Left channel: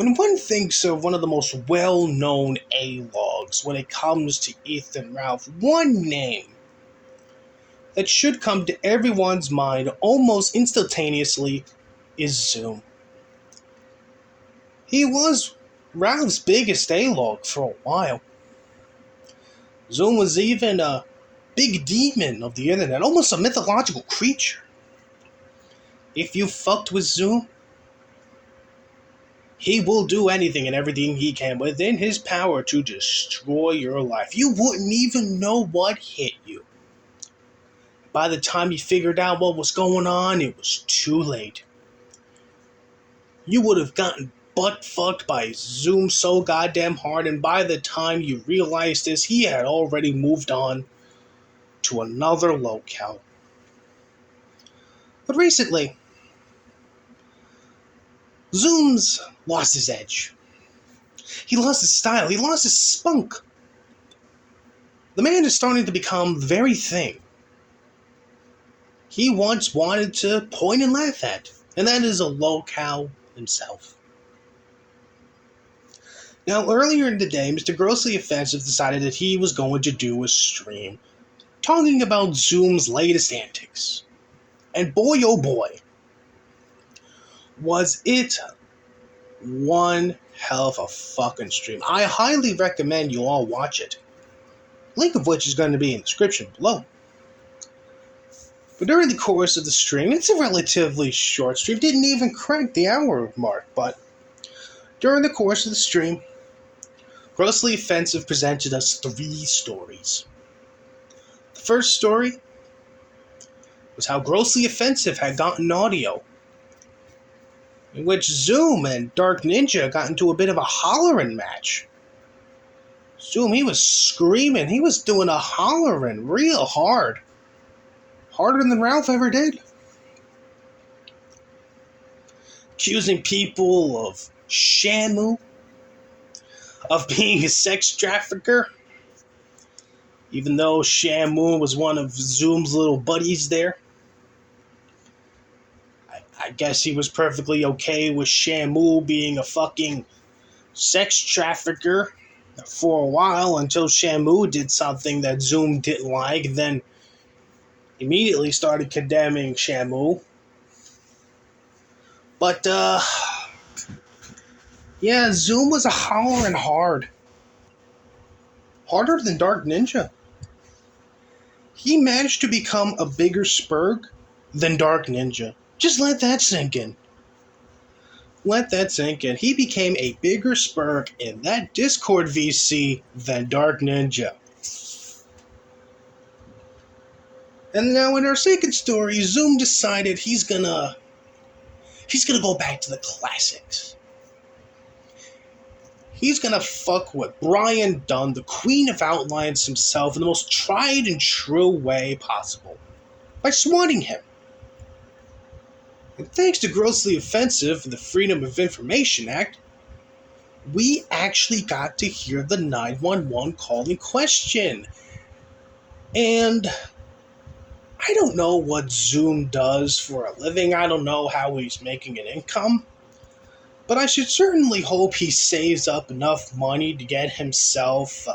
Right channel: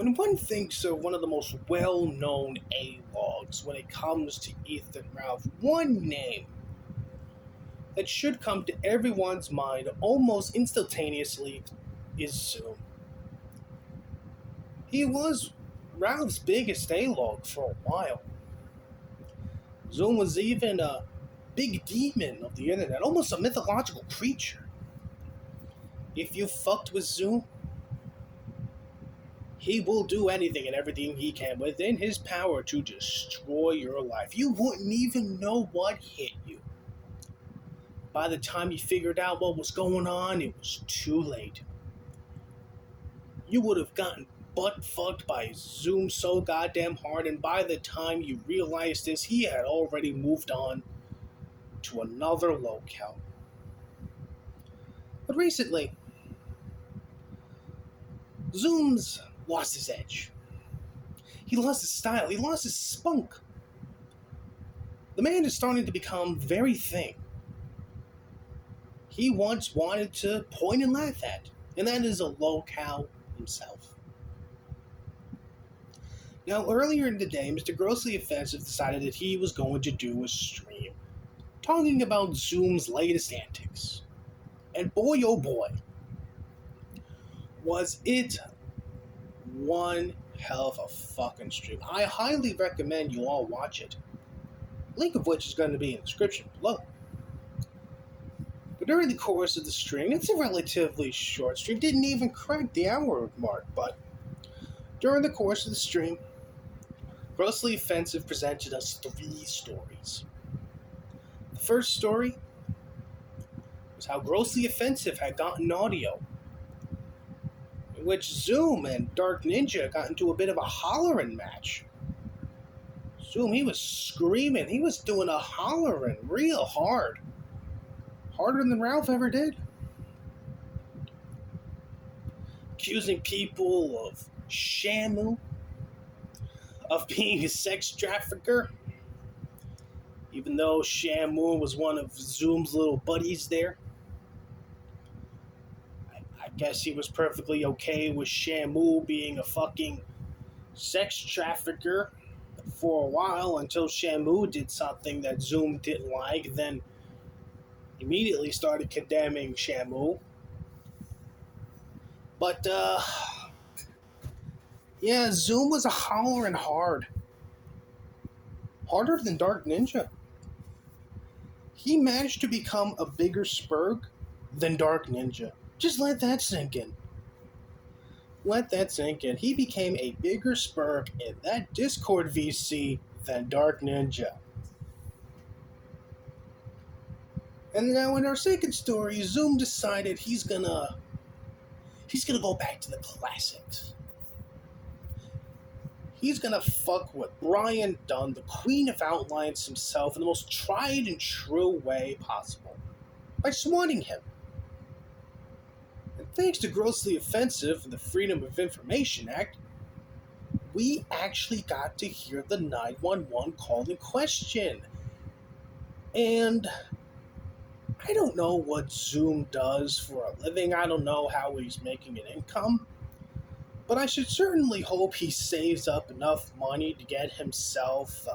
When one thinks of one of the most well-known A-logs when it comes to Ethan Ralph, one name that should come to everyone's mind almost instantaneously is Zoom. He was Ralph's biggest A-log for a while. Zoom was even a big demon of the internet, almost a mythological creature. If you fucked with Zoom, he will do anything and everything he can within his power to destroy your life. You wouldn't even know what hit you. By the time you figured out what was going on, it was too late. You would have gotten butt fucked by Zoom so goddamn hard, and by the time you realized this, he had already moved on to another locale. But recently, Zoom's lost his edge. He lost his style. He lost his spunk. The man is starting to become the very thing he once wanted to point and laugh at, and that is a locale himself. Now, earlier in the day, Mr. Grossly Offensive decided that he was going to do a stream talking about Zoom's latest antics. And boy, oh boy, was it one hell of a fucking stream. I highly recommend you all watch it. Link of which is going to be in the description below. But during the course of the stream, it's a relatively short stream, didn't even crack the hour mark, but during the course of the stream, Grossly Offensive presented us 3 stories. The first story was how Grossly Offensive had gotten audio, in which Zoom and Dark Ninja got into a bit of a hollering match. Zoom, he was screaming, he was doing a hollering real hard. Harder than Ralph ever did. Accusing people of Shamu, of being a sex trafficker, even though Shamu was one of Zoom's little buddies there. I guess he was perfectly okay with Shamu being a fucking sex trafficker for a while until Shamu did something that Zoom didn't like, then immediately started condemning Shamu. But, yeah, Zoom was a hollering hard. Harder than Dark Ninja. He managed to become a bigger spurg than Dark Ninja. Just let that sink in. Let that sink in. He became a bigger spurg in that Discord VC than Dark Ninja. And now in our second story, Zoom decided he's gonna go back to the classics. He's gonna fuck with Brian Dunn, the Queen of Outlines himself, in the most tried and true way possible, by swatting him. And thanks to Grossly Offensive and the Freedom of Information Act, we actually got to hear the 911 call in question. And I don't know what Zoom does for a living. I don't know how he's making an income. But I should certainly hope he saves up enough money to get himself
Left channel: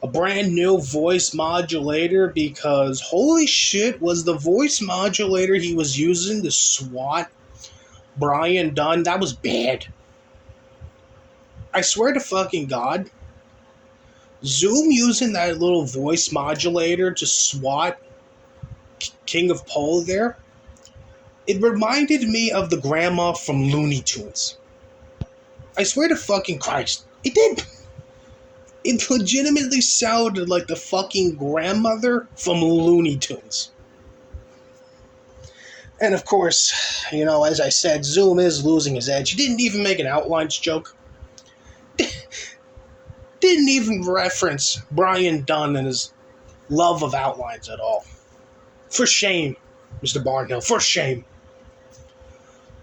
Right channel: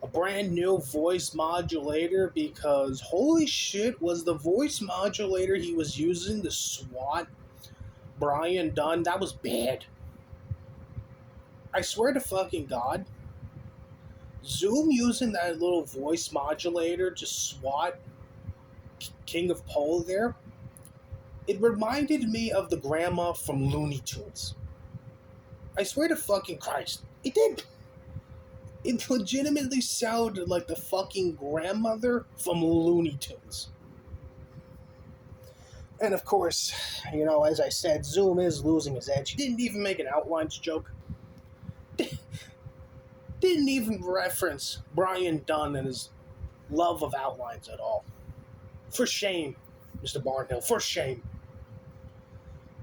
a brand new voice modulator, because holy shit, was the voice modulator he was using to swat Brian Dunn, that was bad. I swear to fucking God, Zoom using that little voice modulator to swat King of Pole there, it reminded me of the grandma from Looney Tunes. I swear to fucking Christ, it did. It legitimately sounded like the fucking grandmother from Looney Tunes. And of course, you know, as I said, Zoom is losing his edge. He didn't even make an outlines joke. Didn't even reference Brian Dunn and his love of outlines at all. For shame, Mr. Barnhill, for shame.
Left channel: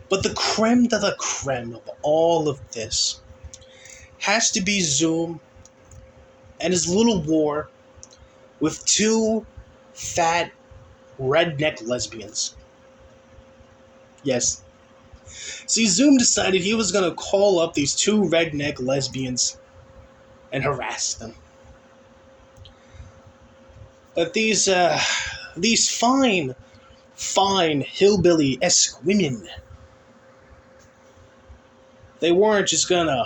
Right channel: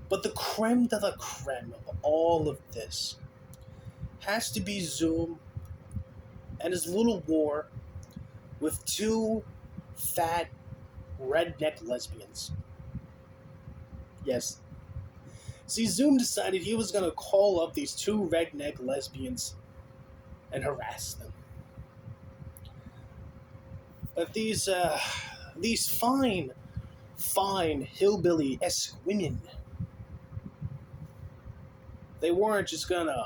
But the creme de la creme of all of this has to be Zoom and his little war with 2 fat redneck lesbians. Yes, See, Zoom decided he was gonna call up these two redneck lesbians and harass them. But these fine hillbilly-esque women, they weren't just gonna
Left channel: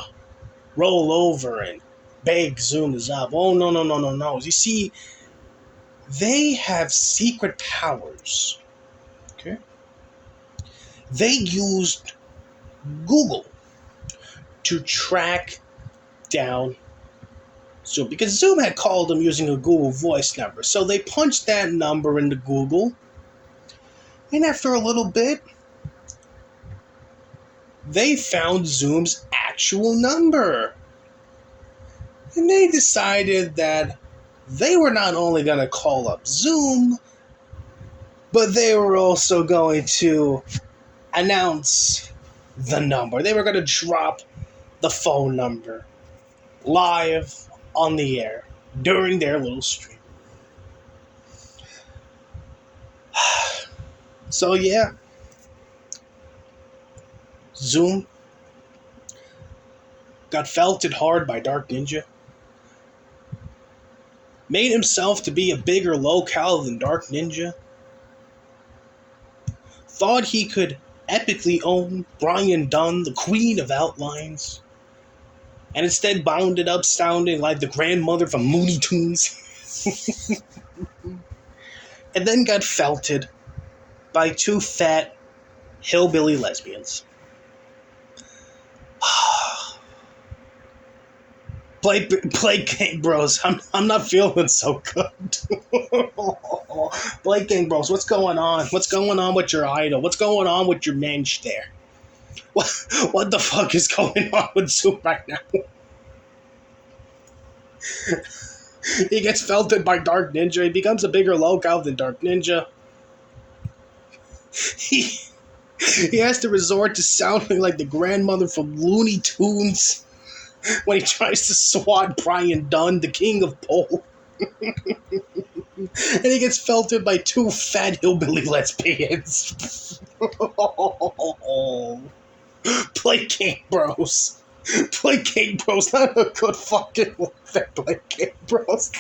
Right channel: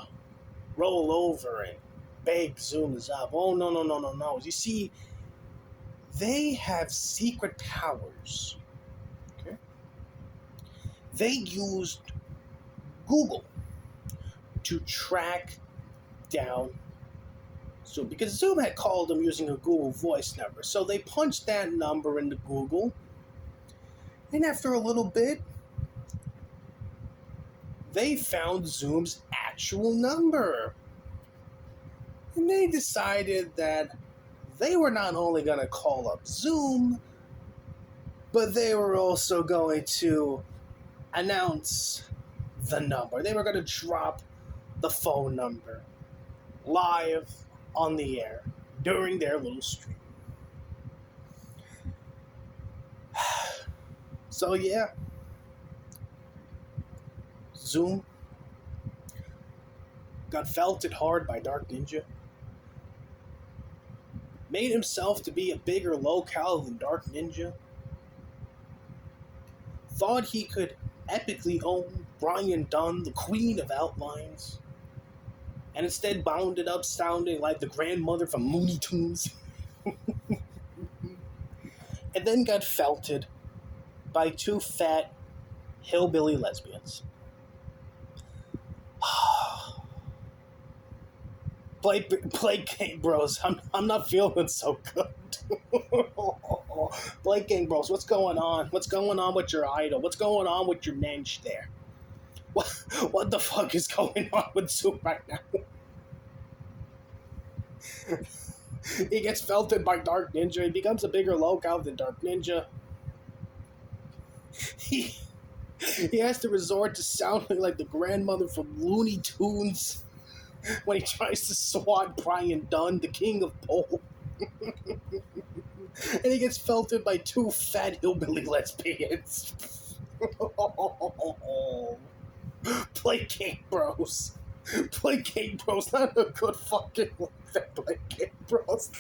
roll over and beg Zoom to stop. Oh, no, no, no, no, no. You see, they have secret powers. Okay? They used Google to track down Zoom, because Zoom had called them using a Google Voice number. So they punched that number into Google, and after a little bit, they found Zoom's actual number. And they decided that they were not only going to call up Zoom, but they were also going to announce the number. They were going to drop the phone number live on the air during their little stream. So yeah, Zoom got felted hard by Dark Ninja, made himself to be a bigger locale than Dark Ninja, thought he could epically own Brian Dunn, the Queen of Outlines, and instead bounded up sounding like the grandmother from Looney Tunes. And then got felted by two fat hillbilly lesbians. Play Gang Bros. I'm not feeling so good. Play Gang Bros. What's going on? What's going on with your idol? What's going on with your mensch there? What the fuck is going on with Zoom right now? He gets felted by Dark Ninja. He becomes a bigger locale than Dark Ninja. He has to resort to sounding like the grandmother from Looney Tunes when he tries to swat Brian Dunn, the king of pole. And he gets felted by two fat hillbilly lesbians. Play Gang Bros. Play Gang Bros. Not a good fucking one that Play Gang Bros.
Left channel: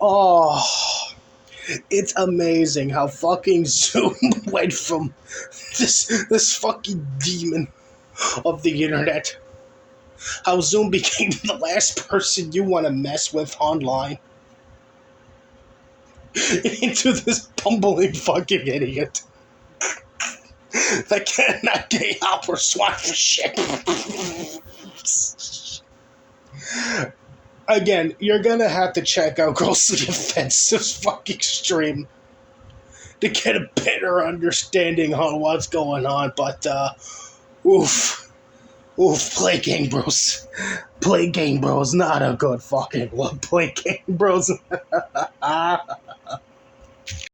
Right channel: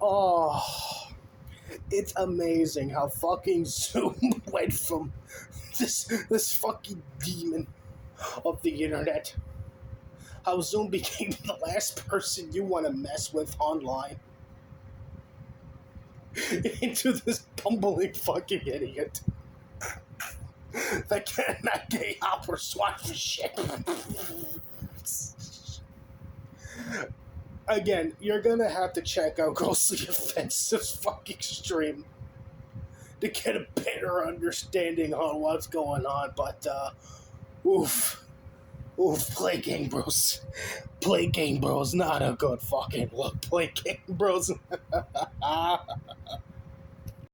Oh, it's amazing how fucking Zoom went from this fucking demon of the internet. How Zoom became the last person you want to mess with online. Into this bumbling fucking idiot that cannot get up or swat for shit. Again, you're gonna have to check out Grossly Offensive's fucking stream to get a better understanding on what's going on, but oof, Play Gang Bros. Play Gang Bros, not a good fucking one. Play Gang Bros.